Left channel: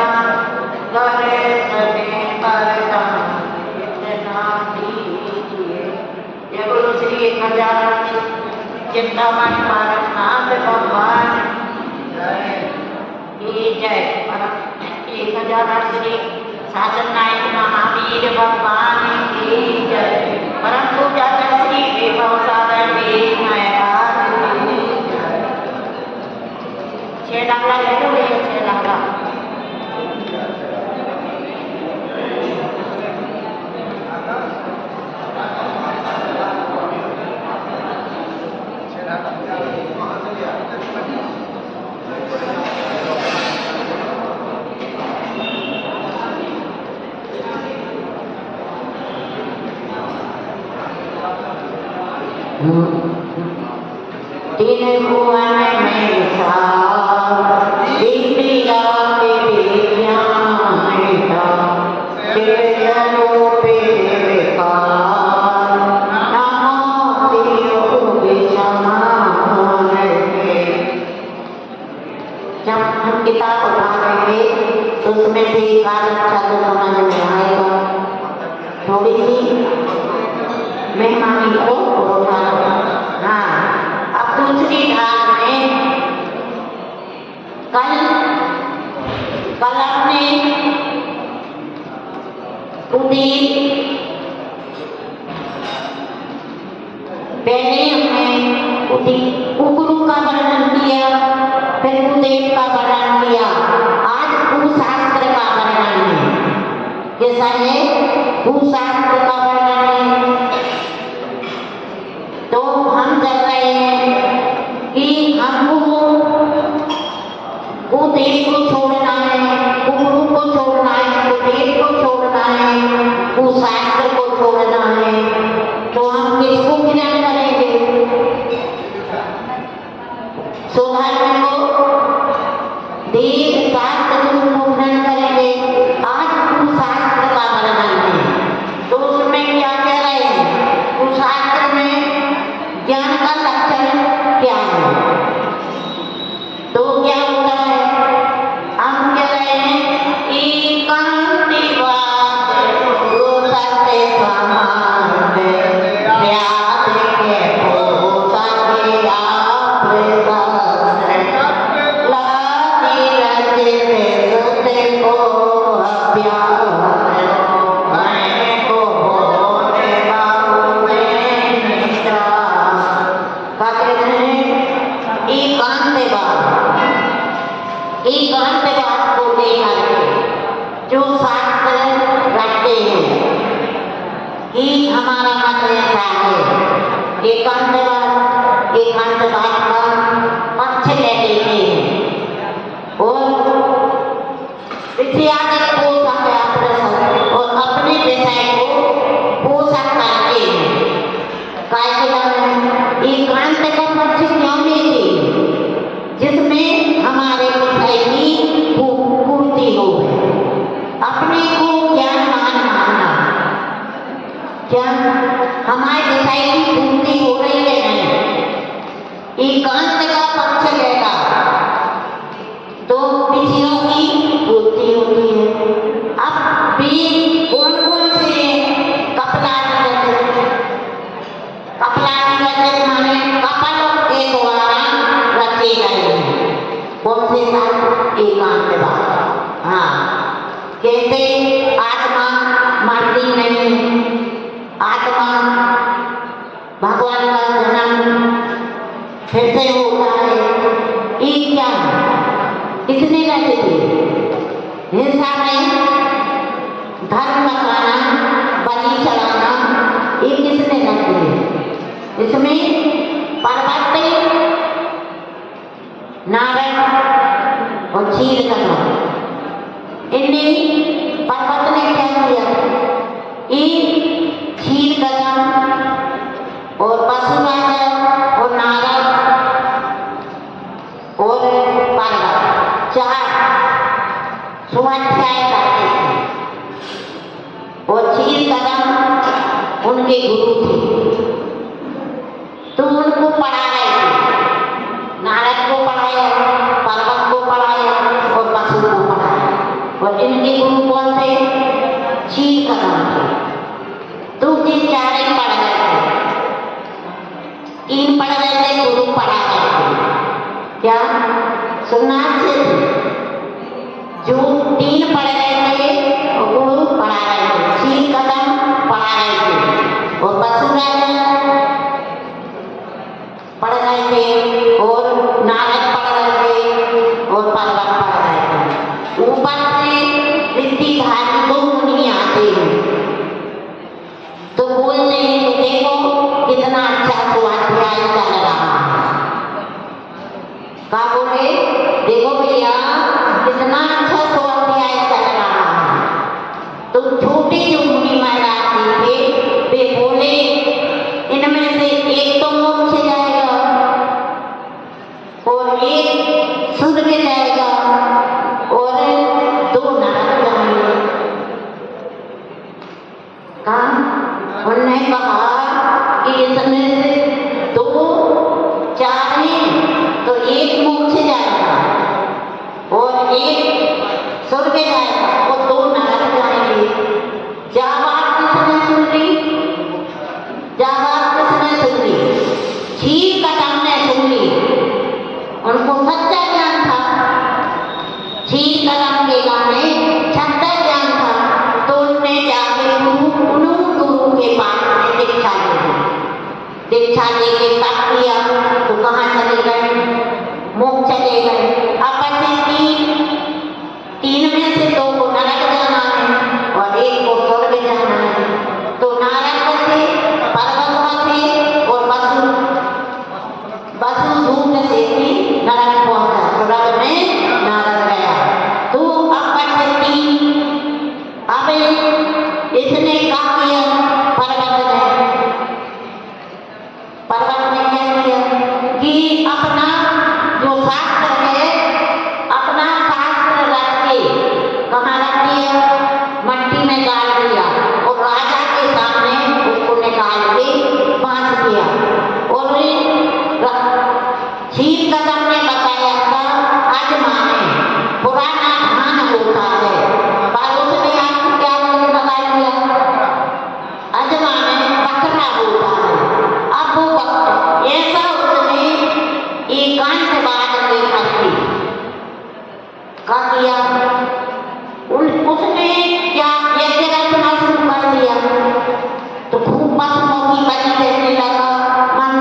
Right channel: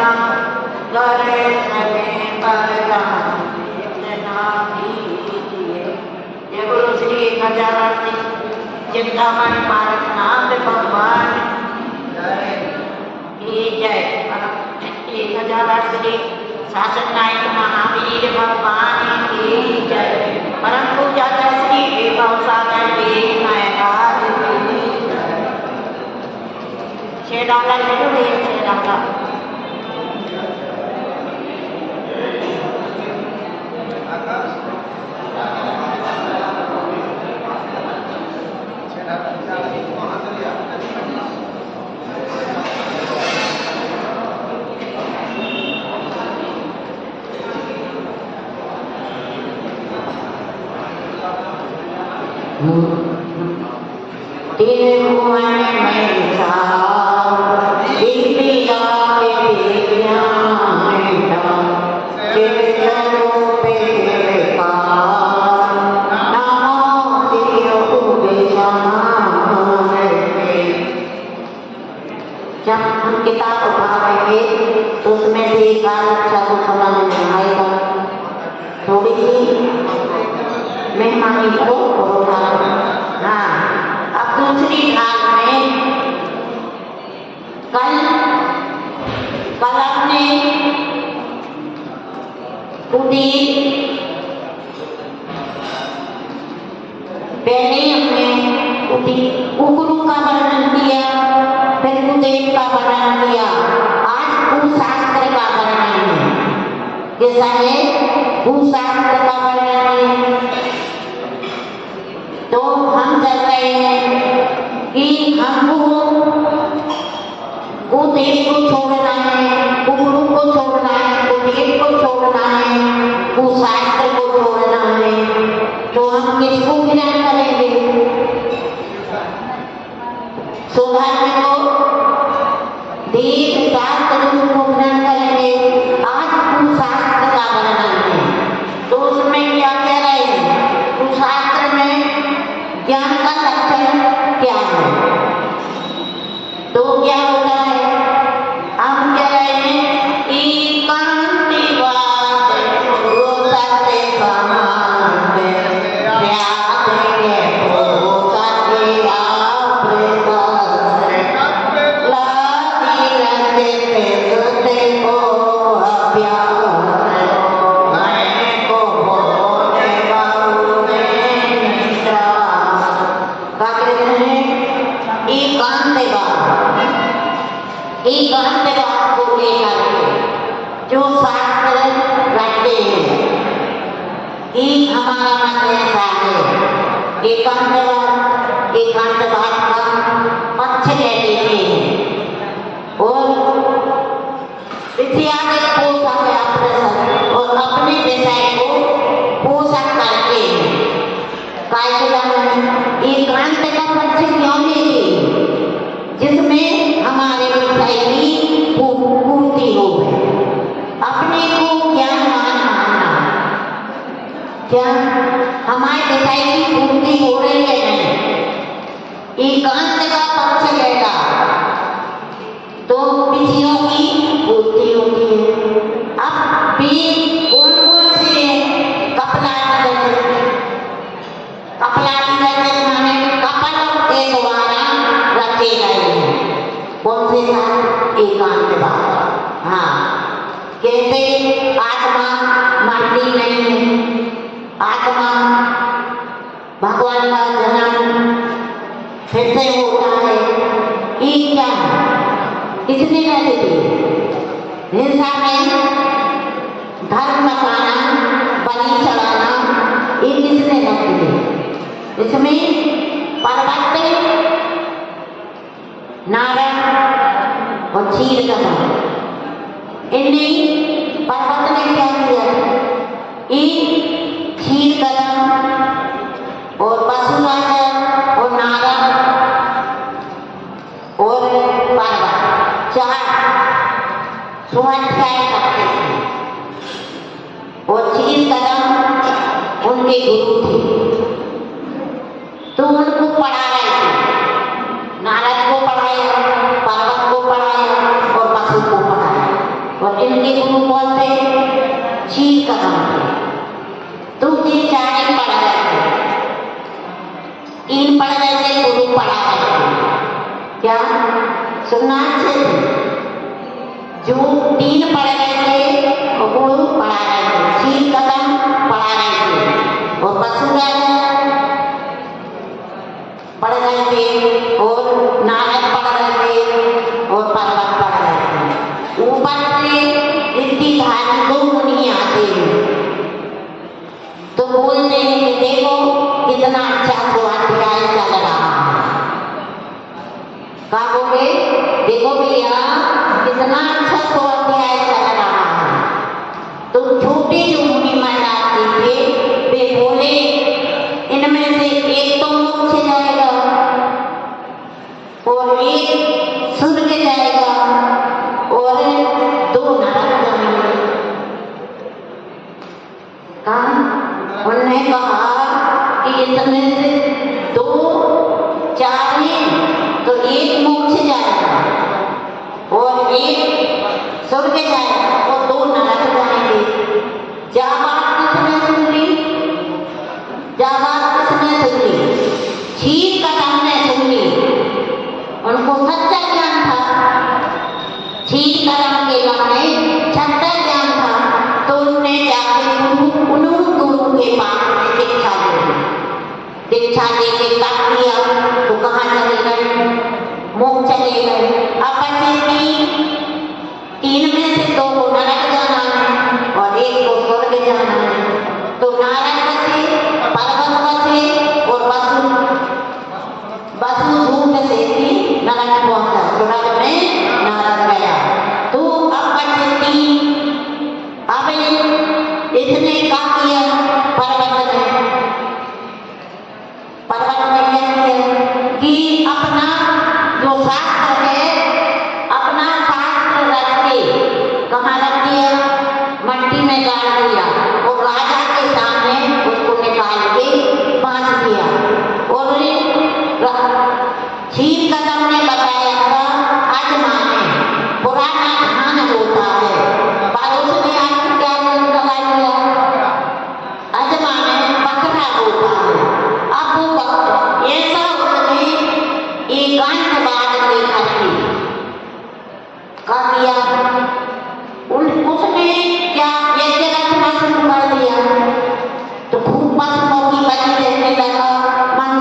ना करे सके परना इतना दीजिए। ये बोलो श्री 1008 चिंतामणि पारकनाथ भगवान की जय। 1008 श्री शासन नायक महावीर भगवान की जय। परम पूजाचा श्री विभव सागर महाराज की जय। शेडाला लेलो ये शेडाला तीन भुवन में था इंदिरा के ध्यान था चेतनों पे विकार नमो दियो विषमान के। जब हम किताब उठा रहे थे तो उसमें से एक आध अच्छा तो समझ में आएगा। थोड़ी सी मेहमानी को उठा। हाँ, अब दूसरी ढाल में कल हमने पहले हमने कुकरू का वर्णन किया, फिर कुदेव का वर्णन किया। आज कुशास्त्र का वर्णन है। कैसा है? कुशास्त्र का वर्णन है। तो हम कर रहे हैं कि हमको कुदेव को छोड़ना है, कुकरू को छोड़ना है, कुदेव को छोड़ना है, कुशास्त्र को छोड़ना है। तो हम किसको ग्रहण करेंगे? सौभाग्य को, देव शास्त्र गुरु को ग्रहण करेंगे। आज कुशास्त्र का वर्णन है। तो उसमें क्या कह रहे हैं? कुशास्त्र में ज्ञान का लक्षण क्या है? तो क्या होता है? हम कह रहे हैं एकांतिवाद सत्य समाज व्यास के सत्य आप लादी रचते सुते को अभ्यास मैंने को बोले बाबू में निद्रा। क्या कहते हैं? एकांतवाद को लेकर जो शास्त्र रखते हैं कि हमारा मत ऐसा है। एकांतवाद का पक्ष ले लेते हैं और विद्यागत पोषक और अपने विषय को पोषक करते हैं। एकांत का पक्ष क्यों लेते? जिसमें हमारे विषय की पूर्ति हो गई। अपने को ज्ञानवान मानना, क्या हमारे विषय की पूर्ति हो रही है? नहीं। एकांत का पक्ष लेगा तो विषयों की पूर्ति होती है। अब भी कौन कौन से कपलादी रचित माने कपल के द्वारा रचे गए हैं। कौन से साथ? एकांतवाद। हाँ, कैसे? आत्मा मरती नहीं है, आत्मा भगवान का जन्म फिर से होता है। ये क्या है? किसने रचे थे? हिंसा नहीं, धर्म बचाना, बलि चढ़ाना, ये किसने रखे थे? इसमें पर्वत नारद और क्षीर कदम, इनने पर्वत ने क्या किया? क्षीर कदम और पशुराज और नारद और पर्वत चार स्वाध्याय करते थे और क्षीर कदम उनके गुरु थे। तो उनको पढ़ा रहे थे। नारद को पढ़ाया, पर्वत को पढ़ाया और पशु को पढ़ाया। और इनके गुरु कौन थे? चीर कदम थे। दूसरे चारे पढ़ रहे थे, 3 पढ़ रहे थे, गुरु पढ़ा रहे थे। क्या सुनना अच्छे से? जो 3 पढ़ रहे थे और गुरु पढ़ा रहे थे, चीर कदम पढ़ा रहे थे और वसुराज पढ़ रहे थे और नारद पढ़ रहे थे और पर्वत पढ़ रहे थे। ऊपर से ऋद्धिधारी 2 मुनि आते हैं तो बोलते हैं कि देखो कितना अच्छा स्वाध्याय चल रहा है। क्या बोले? देखो भैया कितना अच्छा स्वाध्याय चल रहा है। तो छोटे जो मुनि महाराज जी थे वे बोले इनमें से एक तो मोक्ष जाएगा और एक स्वर्ग जाएगा और 2 नरक जाएंगे। उन्होंने कहा कि इसमें से 2 4 हैं तो एक मोक्ष जाएगा और एक स्वर्ग जाएगा और 2 नरक जाएंगे। जा बात किसने सुन ली? जा बात किसने सुन ली? चीर कदम ने सुन ली। उनको सच्चा ज्ञान था, चीर कदम के गाने सच्चा ज्ञान था। तो उनने जाके गुरु के पास में दीक्षा ले ली। दीक्षा लेके तप किया तो कहाँ चले गए? मोक्ष चले गए। अब बचे 3 में से 2 को नरक जाना है और 1 को स्वर्ग जाना है। तो नारद बचे, पर्वत बचे और वसु झूठ से भी नरक पहुंचा, स्वर्ग में नारद गया। तो अब बचे 3। अब इसने क्या किया? पर्वत ने क्या किया कि अपना जो शास्त्र है, अपना शास्त्र रख के कहाँ रख दिया? मट्टी में गाड़ दिया और राजा के सामने उसको निकाल के बांध दिया। और चीर कदम ने बताया था अजमाने पुराना धान होता है, पर उसने आज क्या लगा दिया? अजमाने बकरा होता है। अब वो ऐसा उसने एकांतवाद के करके क्या किया? उसने क्या यज्ञ रचना शुरू कर दिया तो खूब पशुओं की बलि देने लगा। मन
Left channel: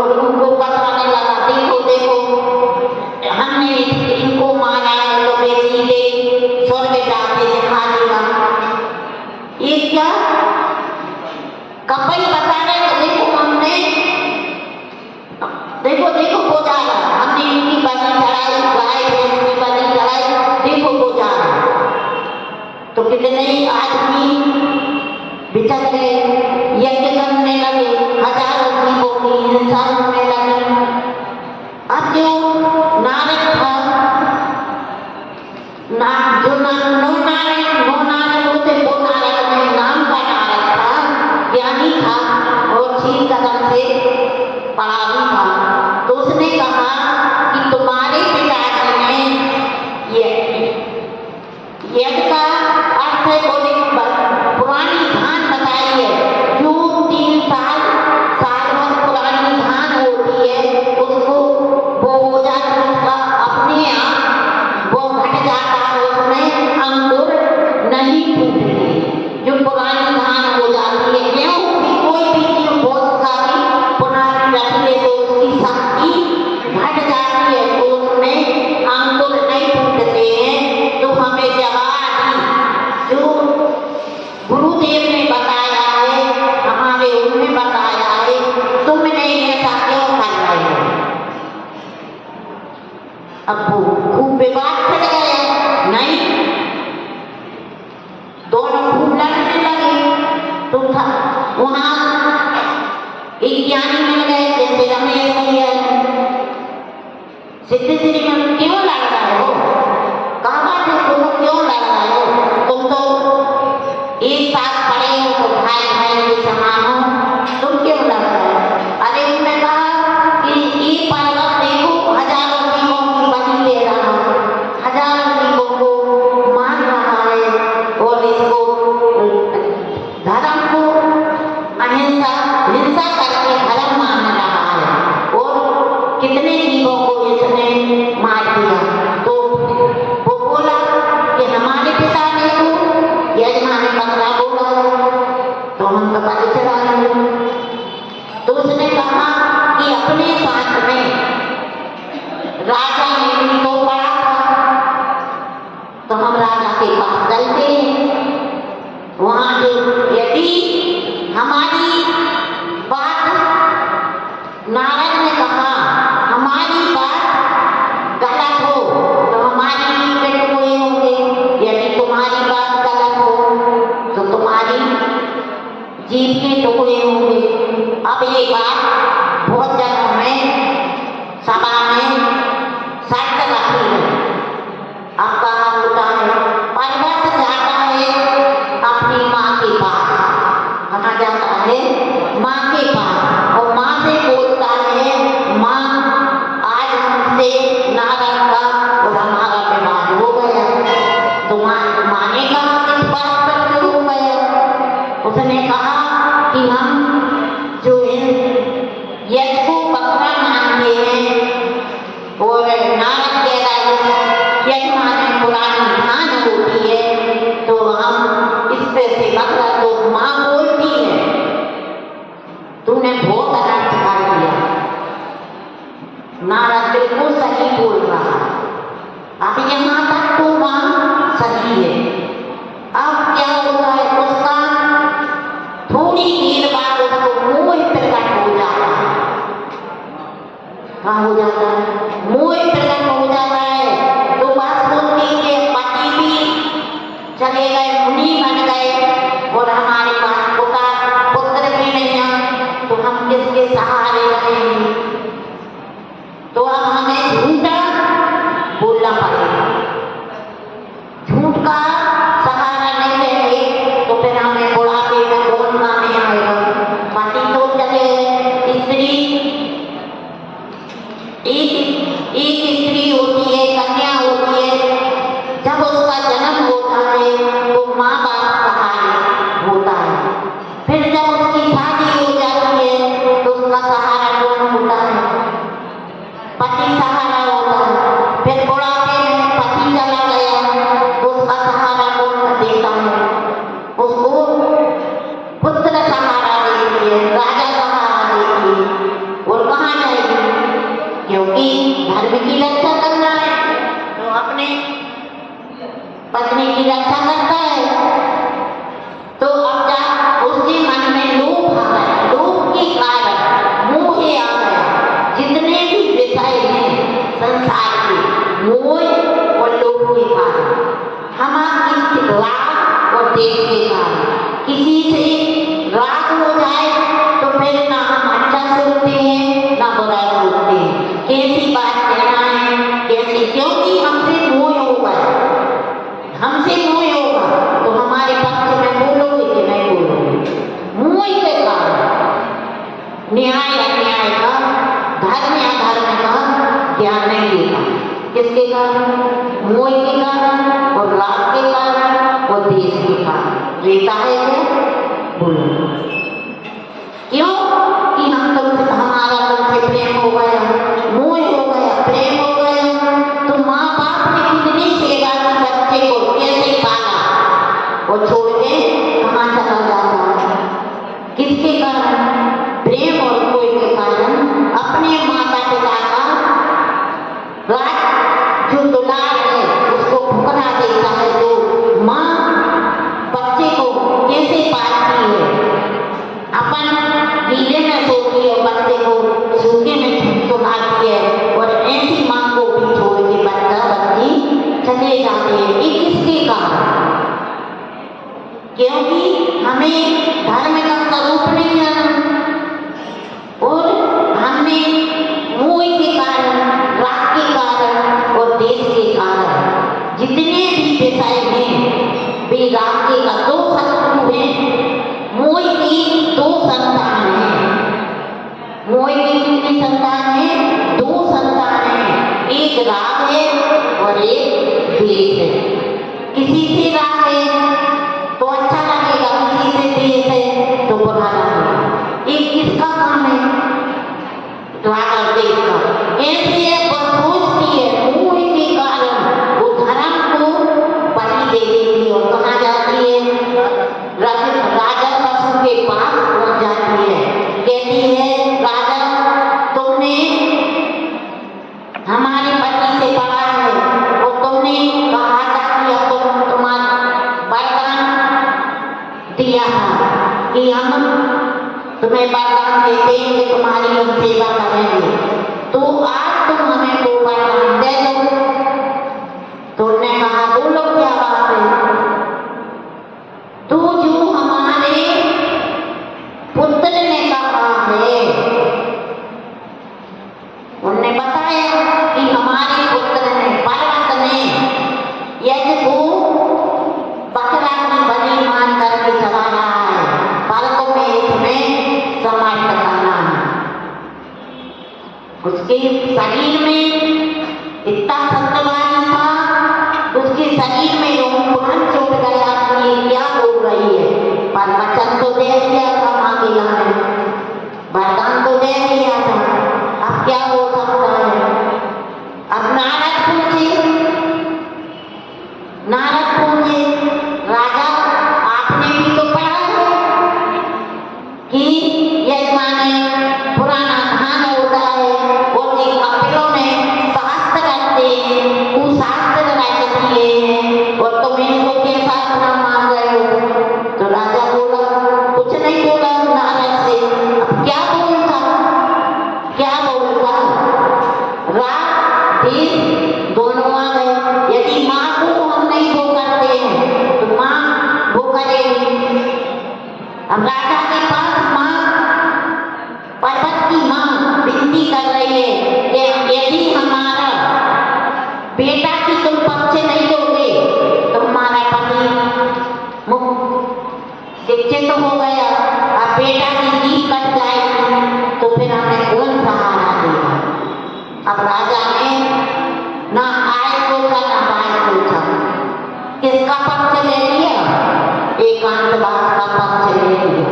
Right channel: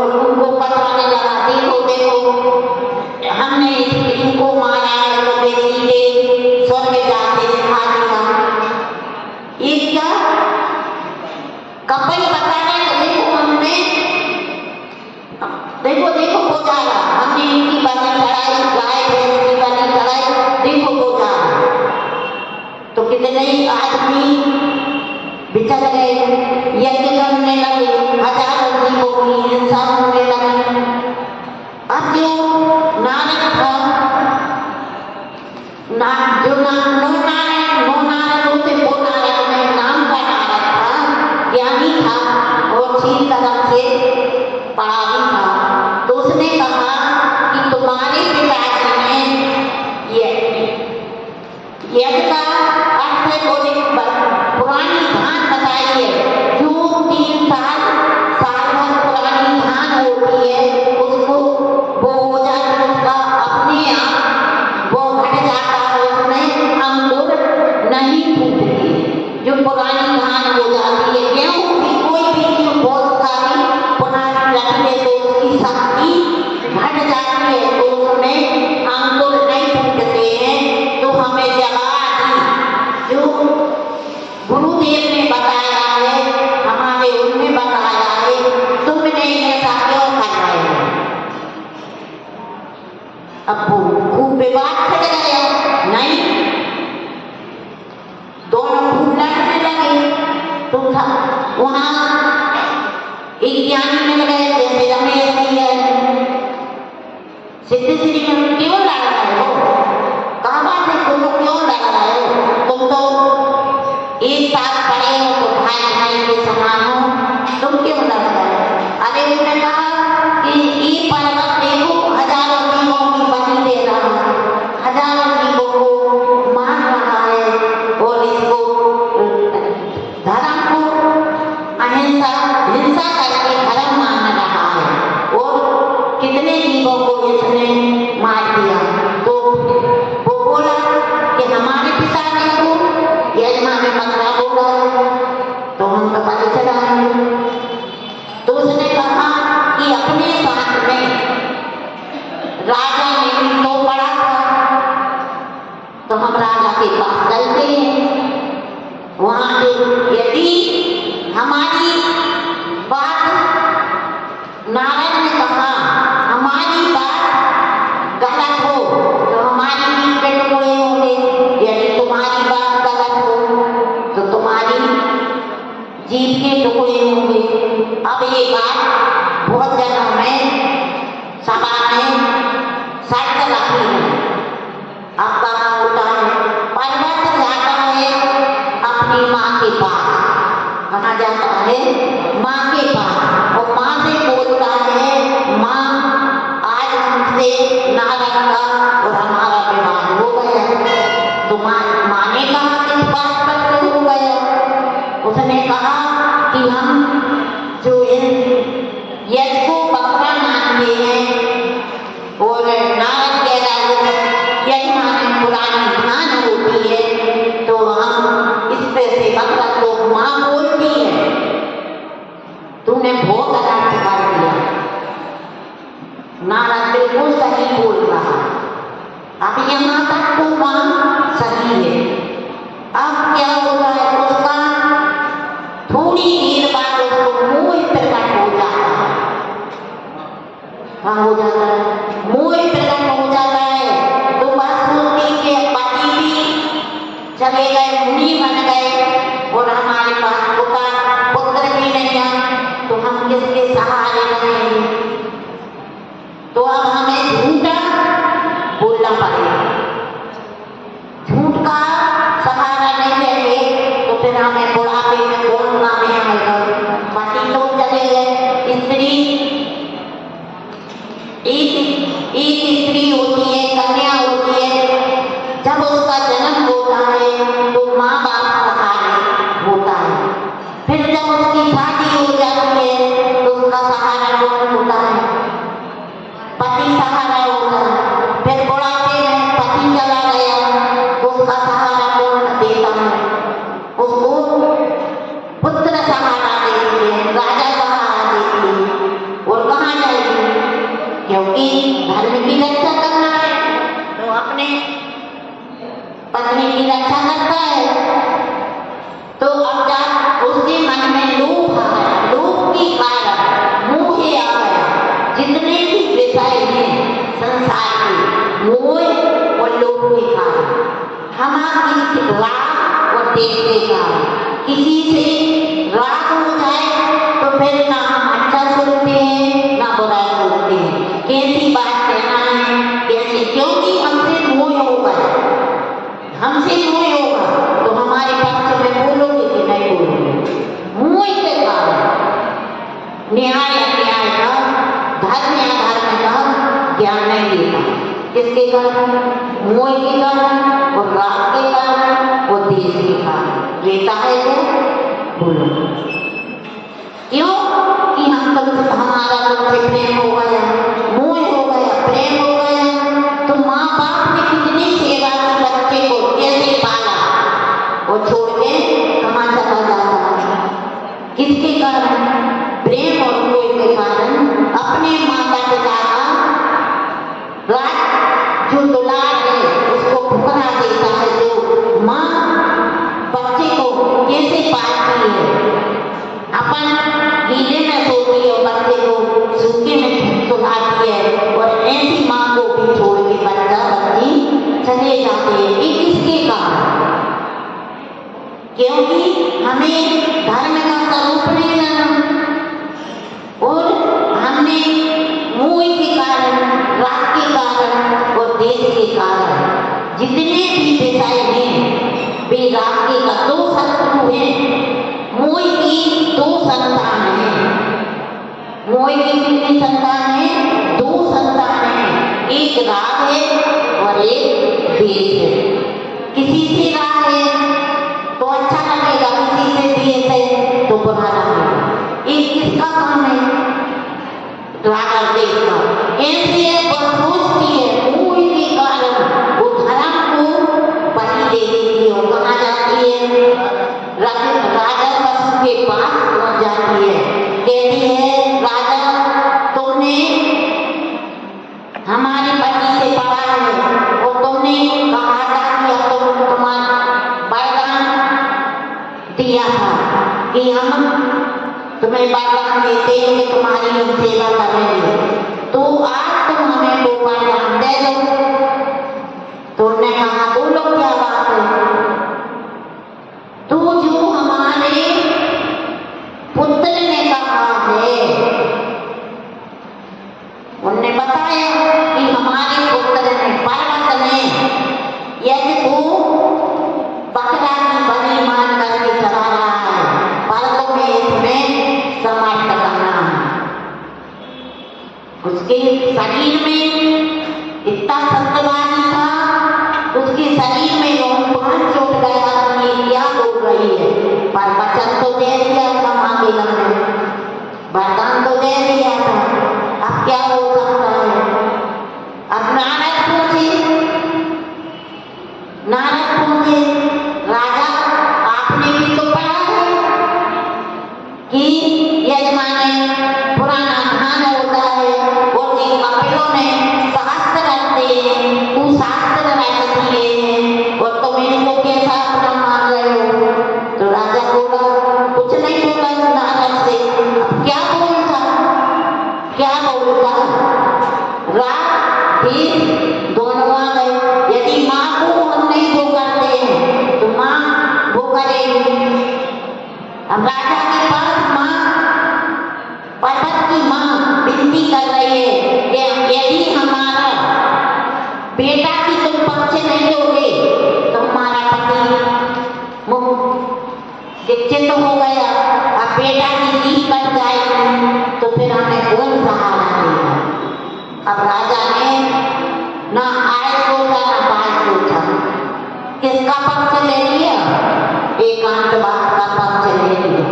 उनको बताने लगा देखो देखो हमने इनको मारा है तो वे सीधे स्वर्ग जाते दिखा दिया। ये क्या कपई बता रहे? देखो हमने देखो वो जा रहा, हमने इनकी बलि चढ़ाई, गाय भैंस की बलि चढ़ाई, देखो वो जा रहा। तो कितने आदमी बिचल गए, यज्ञ करने लगे, हजारों जीवों की हिंसा होने लगी। अब जो नारद था, नो नारद होते वो नारद में नाम का नारद था, ज्ञानी था और चीर कदम से पढ़ा भी था। तो उसने कहा कि तुम्हारे पिताजी ने यज्ञ का अर्थ है बोले पुरानी धान बताई है, जो 3 साल भर पुरानी धान होती है उसको वो हो जाती, उसका अपने आप वो घट जाता है, उसमें अंकुर नहीं फूटते। जो पुरानी धान हो जाती है, गेहूं की कोई भी चीज बहुत सारी पुरानी रख ले तो उसकी शक्ति घट जाती है, तो उसमें अंकुर नहीं फूटते हैं। तो हमें जवाब जो गुरुदेव ने बताया है, हमारे उन्होंने बताया है, तुमने ऐसा क्यों कर रहे हो? अब खूब विवाद छिड़ गया, नहीं दोनों खूब लड़ने लगे। तो था वहां एक ज्ञानी मिल गए जैसे रमेश भैया, सिद्धि श्री में क्यों लड़ रहे हो? कहा बात है तुम क्यों लड़ रहे हो? तुम तो एक साथ पढ़े हो तो भाई भाई के समान हो, तुम क्यों लड़ रहे हो? अरे उन्होंने कहा कि ये पर्वत देखो हजारों जीवों की बलि दे रहा है, हजारों जीवों को मार रहा ने बकरा बोला है तो हम तो बलि चढ़ाएंगे। तो उसने कहा कि अपने साथ में राजा ने भी तो पड़ा था, तो हम राजा के पास चलते हैं। वहां से यदि हमारी बात, नारद ने कहा हमारी बात गलत हो तो हमारी जीभ के टुकड़े होंगे, यदि तुम्हारी बात गलत हो तो तुम्हारी जीभ के टुकड़े होंगे। अब ये बात बहुत जनों में सभा में शर्त रखी है। अब कहा होता है पर्वत जाता है अपनी माँ के पास, कहा जाता है माँ के पास, और माँ से बोलता है माँ आज हमसे नारद का और हमारा विवाद हो गया। तो माँ ने कहा किस बात पर हो गया? उसने कहा कि हम जो यज्ञ को बकरा मानते हैं और नारद कह रहा है यज्ञ माने पुरानी धान होती है, तो हम इस पे से बकरा तो माँ बोलती है, तूने बहुत अनर्थ कर दिया। नारद बिल्कुल सही बोल रहा है। अब यहाँ तक तो माँ सही है। अब क्या होता है, उसका थोड़ी देर बाद उसको मोह प्रकट हो जाता है। कहाँ हो जाता है? मोह प्रकट हो जाता है। तो बात सुनती के पति भी चले गए, मुनि बन गए और हमारे पास पुत्र भी नहीं है, तो हम किसके सहारे रहेंगे? तो अब हमें झूठा बोलना पड़ेगा। झूठ का सहारा नहीं लेंगे तो फिर हमें बुढ़ापे में कौन काम में आएगा? पति तो चले गए, स्त्री एक स्त्री होती है, कन्या होती है, जब उसका जन्म होता है तो माँ बाप सहारे होता है। फिर जब उसकी शादी हो जाती है तो उसका सहारा कौन होता है? पति सहारा होता है। फिर बुढ़ापे में पति चला गया तो उसका सहारा कौन देता है? उसको पुत्र सहारा देती है, राजा सहारा देती है। और कहाँ जाएगी? क्योंकि धर्म की रक्षा करना है तो अपने पत्नी की रक्षा करता है। तो अब जब उसके मन में लोभ आ गया, लोभ के कारण मोह आ गया, जितने भी विषय हैं संसार के, मोह और लोभ के कारण, हमारे राग और देश के कारण, किसी से राग हो जाए तो फिर ना हम अच्छा सुनते हैं ना बुरा सुनते हैं। कैसी बात कहना है कैसी, क्योंकि हमसे मोह होगा, हमसे मोह होगा तो हमारे पक्ष में बोलोगे कि नहीं बोलोगे? मोह के कारण न्याय अन्याय का, धर्म या धर्म का ज्ञान नहीं देता। किसके कारण? मोह के कारण और राग के कारण और देश के कारण रहता है क्या? बोलो क्यों? कि हम तुमसे, हमारा तुमसे प्रेम हो गया, मोह हो गया, प्रेम हो गया। तो माँ बाप ने कितनी सेवा की, बच्चे को कैसे पाला और छोड़ के कहाँ चला जाता है? किसके कारण? प्रेम और मोह के कारण अपने माता पिता का राज जो दुलार है उसको ठुकरा देता है। जो माँ बच्चे को कैसे पालती है, अपन गीले में सोती है और बच्चे को सूखे में सुलाती है, और ऐसी माँ को भी छोड़ के बच्चा बच्ची चले जाते हैं। ये किसके कारण? क्योंकि हमें धर्म का स्वरूप नहीं जाना और हमने मोह के कारण, राग के कारण और देश के कारण जितने भी विषय हैं वे राग के का दो शत्रु हैं, मोह की दो संतान हैं। मोह की कितनी संतान है? दो संतान है, एक राग है और एक द्वेष है। किसी से राग है तो अच्छा लगेगा, किसी से द्वेष है तो बुरा लगेगा। एक किसका काम है? राग और द्वेष का। ऐसी है वो सोचती है मोह के कारण वो धर्म को बलि दे देती है और कहाँ जाती है? दिया था कि हम तुम्हें वरदान देते हैं कि तुम्हारी हम सेवा करेंगे, तो आज तुम हमें वो वरदान दे दो। तो उन्होंने कहा बोलो क्या बात है। तो जो हमारे पुत्र ने कहा है, उन्होंने बताया कि हमारे पुत्र ने पर्वत ने यज्ञ को बकरा की बलि मान करके चला रहा है, पर तुम्हें इसमें समाप्त करना है। उसके शरीर में इतना सत्यवादी था, उसके शरीर में रोमांच चोट गया कि ये क्या हो गई है, पर वचन तो दे दिया था माँ के लाने, वरदान तो दे दिया था, अब क्या हो सकता है। अब नारद पूछे राजा आपने भी तो पढ़ा है कि यजमाने पुराना धान होता है और जिन कपिलों ने शास्त्र रखते हैं कुशास्त्र रख दिए हैं और तुम इनको कैसा अपना मान रहे हो। तो राजा बोला, कुछ नहीं बोला नारद से, अब क्या बोलता रात दिन दोनों आ गए। यदि माँ को हम नहीं वो करते हैं तो माँ वो करेगी। अब राजा के पास माँ पर्वत की माँ विनती कर रही है कि यदि हमारा बेटा की तुम पक्ष नहीं लोगे तो हमारा पति शिक्षित हो गया, अब बेटा की नींद कट जाएगी तो फिर हमें कौन सहारा देगा। अब राजा ने ना आय सोचा ना बाय सोचा, किसका पक्ष ले लिया, एकांतवाद का पक्ष ले लिया।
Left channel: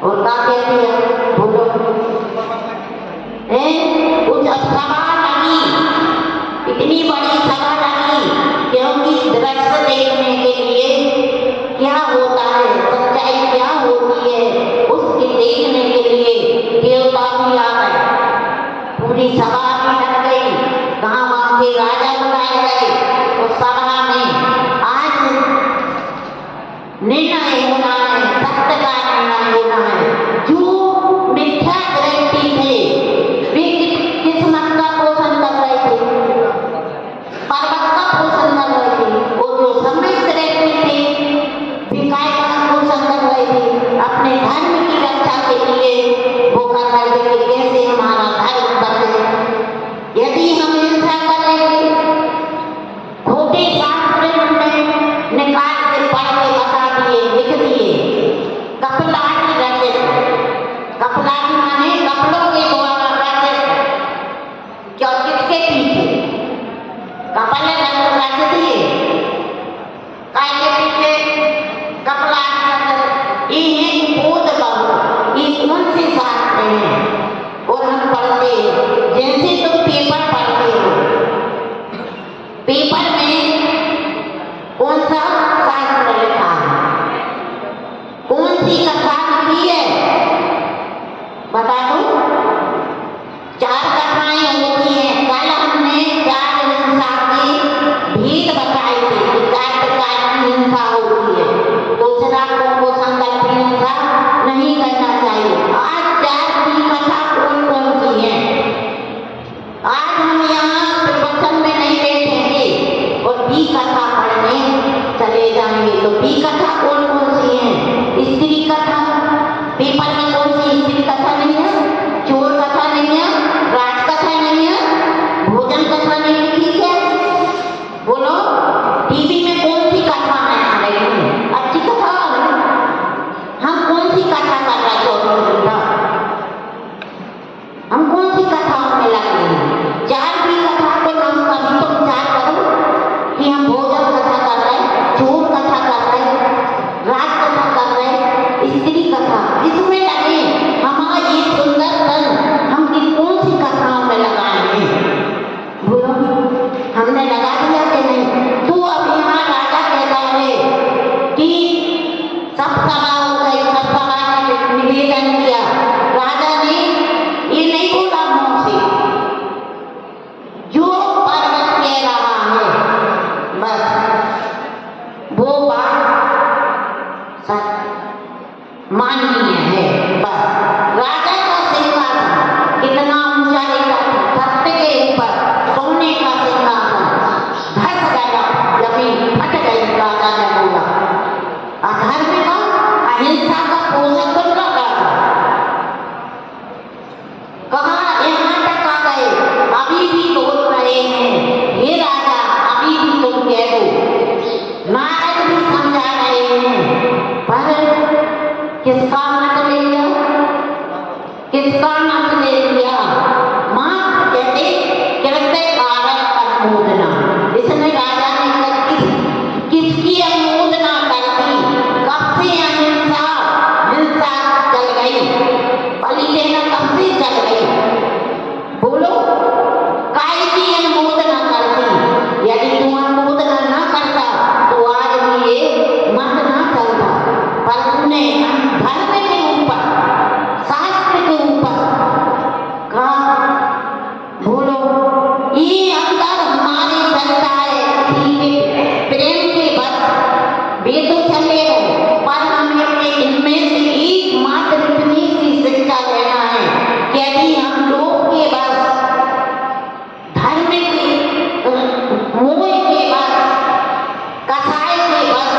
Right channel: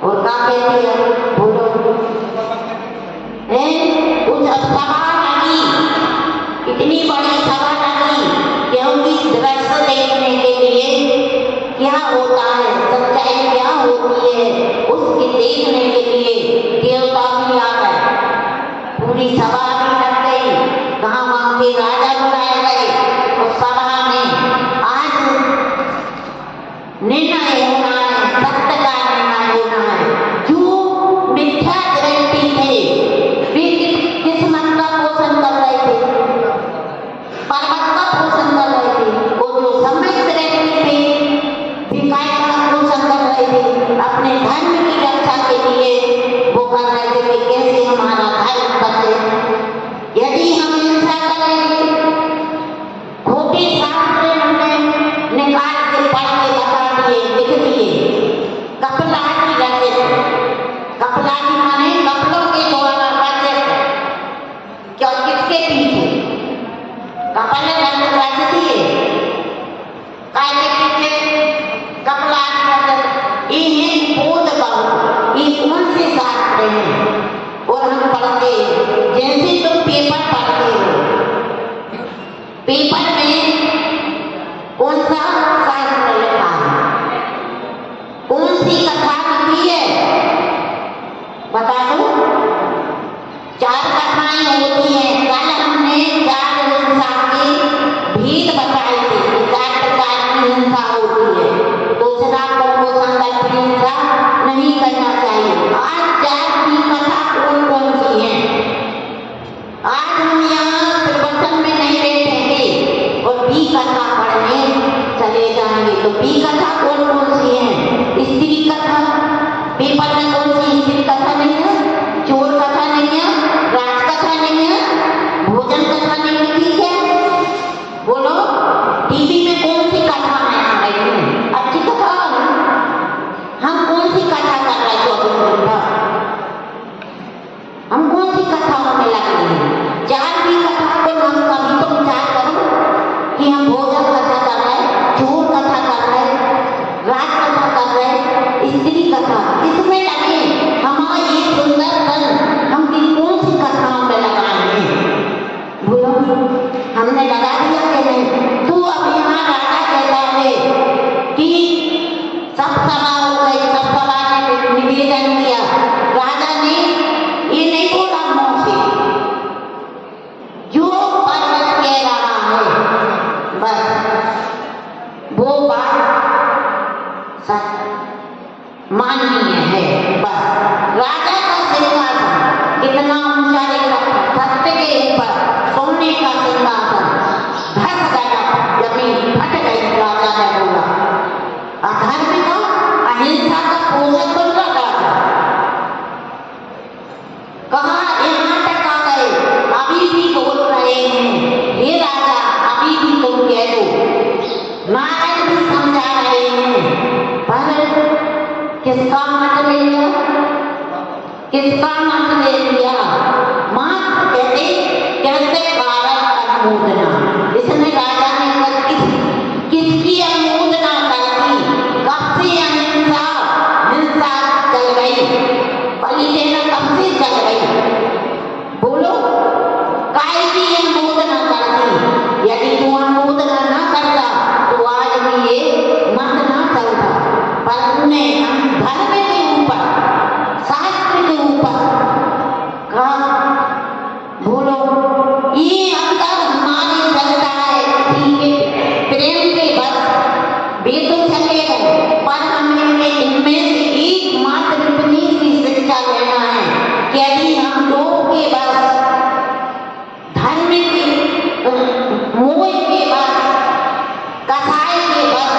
और क्या कहती है बोलो, कुछ अब सभा लगी, इतनी बड़ी सभा लगी क्योंकि दृश्य देखने के लिए क्या होता है, सच्चाई क्या होती है, उसके देखने के लिए देवता भी आ गए, पूरी सभा भी लग गई, गाँव के राजा बुलाए गए। उस सभा में आज निर्णय होना है, सत्य का निर्णय होना है। जो मिथ्या दृष्टि थे वे किस्मत का पोषण कर रहे थे, पर्वत का पोषण कर रहे थे, और जो सम्यक दृष्टि थे विकाय का पोषण कर रहे थे, अपने धर्म की रक्षा के लिए वो कर रहे थे कि कैसे हमारा धर्म बचे। यदि हम हिंसा करेंगे, खोटे शास्त्र निकाल के पढ़ के बता दिए, लिख दिए, कपलाजी रचित, कपलाजी माने कपड़ों के द्वारा रचित, क्यों किसके पीछे कपल रच दिए, काय के पीछे कपलाजी रचित, ये बोध बहु, ये कौन से शास्त्र हैं और हम पढ़ते हैं। जैसे तुम पेपर पढ़ते हो, पेपर में कौन सा शास्त्र लिखा है, कौन सी कथा लिखी है बता दो। 4 कथाएं होती हैं। कल हमने 4 हिंसा की भेद बताई थी कि 4 प्रकार की हिंसा होती है, दूसरा को संकल्प हिंसा नहीं करना चाहिए। आज 4 की कथा कौन कौन सी है, आज हम यहाँ प्रवचन में नहीं बैठेंगे और बी कथा पढ़ने चले जाएंगे। तो बी कथा कौन कौन सी है, स्त्री कथा, पेपर में कौन सी स्त्री कथा नहीं है, चोर कथा नहीं है, राज कथा नहीं है, भोजन कथा नहीं है, ठीक है बोलो। टीवी में कौन सी कथाएं आ रही है, अच्छी कथा आ रही, हम कौन सी कथा कर रहे हैं 24 घंटा, हम कौन सी कथाओं में लग रहे हैं। 4 भी कथा को नाम कभी तो विचार करो कि हम भोजन कथा कर रहे हैं, चोर कथा कर रहे हैं, राज कथा कर रहे हैं, स्त्री कथा, इसमें लगे। हमारा ये सुंदर तन हम कौन सी कथाओं में लगाएंगे बोलो, हमने लगा दिया कि नहीं। तो अब यहाँ राजा कहता है कि सब सभा हो गई, सब सभा ने निवेदन किया, राजा ने ये नहीं बोला मुंह से, जो पर्वत कह रहा है बस वो बात सच माननीय है। बस राजा का सिंहासन कितना ऊंचा रहता था, सत्य के ऊपर सोने का सिंहासन धस गया, जमीन फट गई। राजा ने बोला अधर्म का अहिंसा का पोषक बन रहा था। कहा यहाँ तक आ गए, अभी भी बोल रहे हैं हे राजा, अभी भी तुम कह दो। नारद भी समझा रहे हैं, पर किसका मत ले लिया, किसका मत ले लिया? मात्र कहते कृत्य कारक अनुमोदना। इसने राजा ने किसकी अनुमोदना कर दी? कब से अहिंसा हिंसा चल गई, बलि देना कब से चल गई? बोलो काय की अनुमोदना करती? यदि तू अनुमोदना न करता तो आज भी ये मत ना चलता। पर तूने धर्म के ऊपर, शास्त्र के ऊपर कहा, बोलो ये अंदर हमारे चलता है, प्रेम के बस वे तो चले गए, पर हमें इनमें से एकमात्र इतनी सी शिक्षा लेना है कि यदि हम लोग के बस, धर्म के मोह के बस, कसाई के बस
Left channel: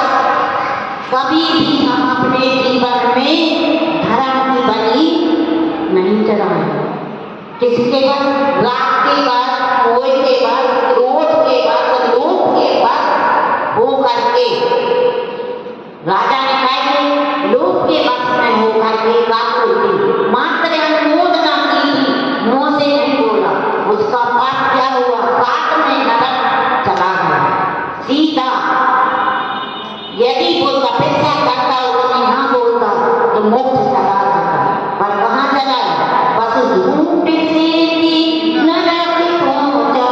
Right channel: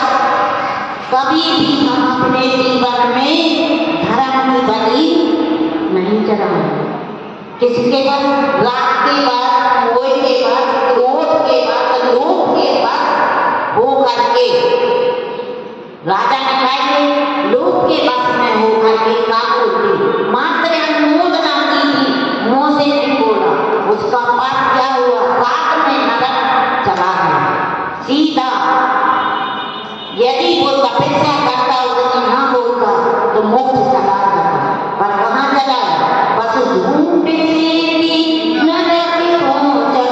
कभी भी हम अपने जीवन में धर्म की बलि नहीं चढ़ाएं। किसके बस? राग के बस, मोह के बस, क्रोध के बस, लोभ के बस हो करके राजा ने कहा लोभ के बस में हो करके काकुल मात्र अनुमोदना की थी, मुंह से नहीं बोला। उसका पाप क्या हुआ? साथ में नरक चला गया सीधा। यदि वो तपस्या करता, उसने ना बोलता तो मोक्ष चला जाता, पर कहाँ चला? बस झूठ से नरक पहुंचा,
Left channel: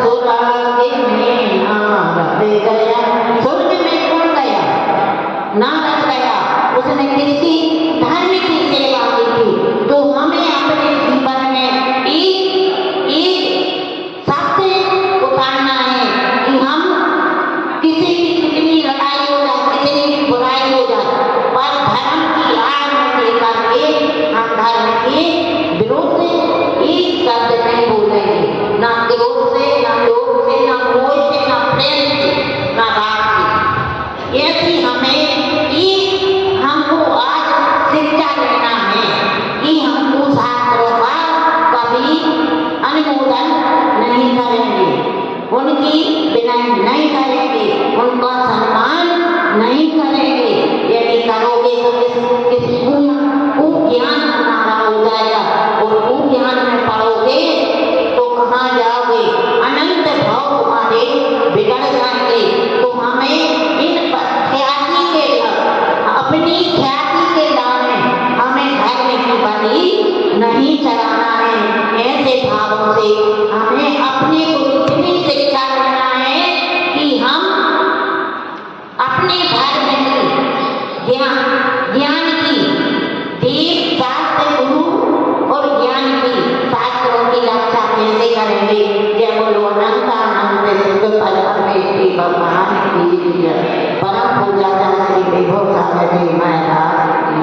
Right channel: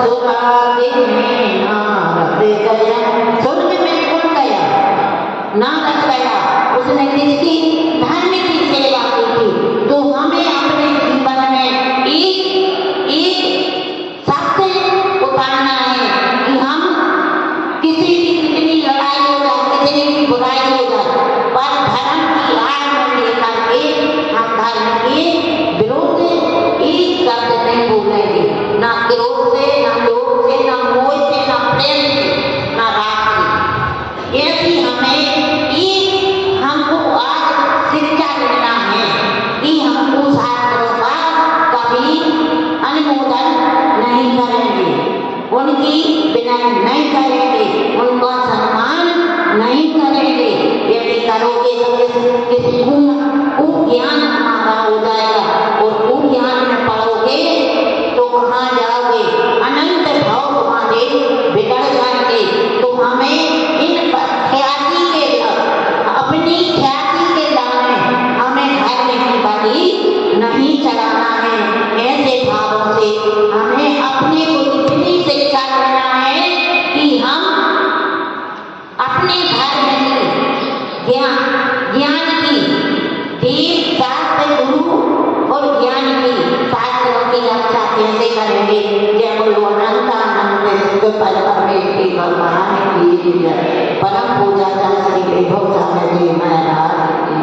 स्वर्ग में नारद गया। स्वर्ग में कौन गया? नारद गया। उसने किसकी? धर्म की सेवा की थी। तो हमें अपने जीवन में एक सत्य उतारना है कि हम किसी की कितनी लड़ाई हो जाए, कितनी की बुराई हो जाए, पर धर्म की आड़ में लेकर के हम धर्म के विरोध एक शब्द नहीं बोलेंगे, ना क्रोध से, ना लोभ से, ना मोह से, ना प्रेम से, ना राग से। ऐसी हमें हमको आज शिक्षा लेना है कि हमको शास्त्रों का कभी अनुमोदन नहीं करेंगे, उनकी विनय नहीं करेंगे, उनका सम्मान नहीं करेंगे। यदि करोगे तो किस ज्ञान हमारा हो जाएगा, और ज्ञान में पढ़ोगे तो कहाँ जाओगे? अनंत भाव तुम्हारे बिगड़ जाएंगे। तो हमें इन ख्याति के, अपनी ख्याति के लाने हमें धर्म की बलि नहीं चढ़ाना है। ऐसे भावों से हमें अपने को इतनी शिक्षा लेना है कि हम अपने धर्म की ज्ञान की देव शास्त्र गुरु और ज्ञान की शास्त्रों की रक्षा कैसे करेंगे। जय बोलो अनंतानंद सिद्ध परमेश्वरी भगवान की जय। परम पूजा श्री विभव सागर जी महाराज की।